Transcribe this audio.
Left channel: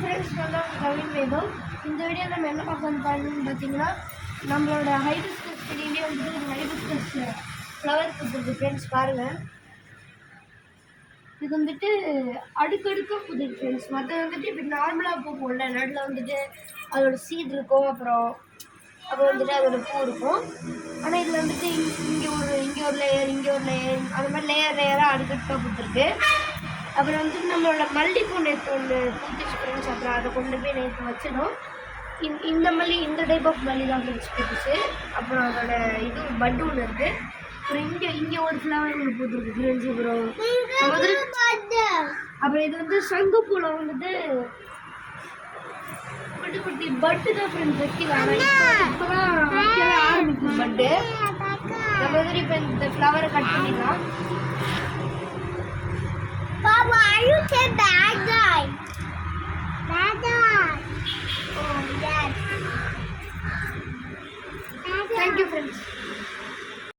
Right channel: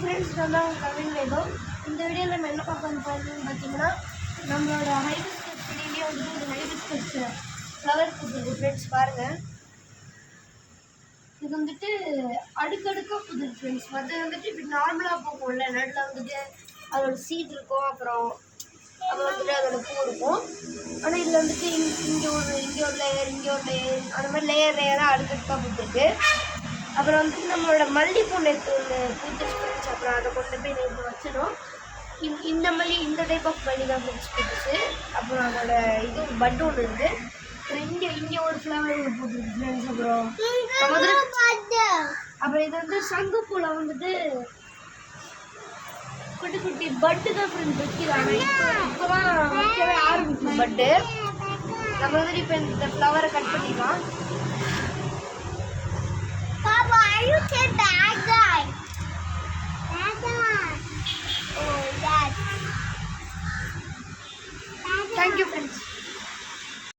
Friends, நான் தான் கவின் வைபவ். இந்த வீடியோவில் நம்ம என்ன பார்க்க போகிறோம்னு பார்த்தீங்கன்னா, நம்மளோட ஹைபிஸ்கஸ் செடியிலே வந்துட்டு ஒரு ஹைபிஸ்கஸ் ஃப்ளவர் பூத்துருக்கு ஃப்ரெண்ட்ஸ். பாருங்கள், இது வந்துட்டு அடுக்கடுக்காக பூத்துருக்கு ஃப்ரெண்ட்ஸ். மற்ற வந்துட்டு இப்படி நார்மலாக பூக்கும்ல, நடுவில் வந்துட்டு அதோட சீட் இருக்கும், அப்புறம் வந்துட்டு அதோட பூ இருக்கும். ஆனால் இதில் வந்துட்டு இங்கே ஒரு லேயர், இங்கே ஒரு லேயர், அந்த மாதிரி லேயராக அடுக்கடுக்காக பூத்துருக்கு. அப்புறம் வந்துட்டு நம்மளோட மல்லிகைப்பூ நேற்று ஒன்று பூத்துச்சு ஃப்ரெண்ட்ஸ். அப்புறம் அதை கொண்டு போய் நேற்று வச்சிடும். இந்த டைப் ஆஃப் மல்லி தான் ஃப்ரெண்ட்ஸ் பூத்துச்சு. அப்புறம் அதோட இது பட்டு ஒன்று இருக்குது. அப்புறம் இங்கே ஒரு ஃப்ளவர் ஒன்று பூத்துருக்கு ஃப்ரெண்ட்ஸ். அப்புறம் இது வந்து சங்குப்பூவில் வந்துட்டு குட்டி குட்டி பட்டு தான் ஃப்ரெண்ட்ஸ் வைக்கிறாங்க. இப்போ தான் வைக்கவே ஆரம்பிக்கும் பட்டு. நம்ம வந்துட்டு இப்போ இந்த ஃப்ளவரை கட் பண்ணிடலாம். Papa, are you the bad guy? Bad guy. Oh, yes. Thank you, friends.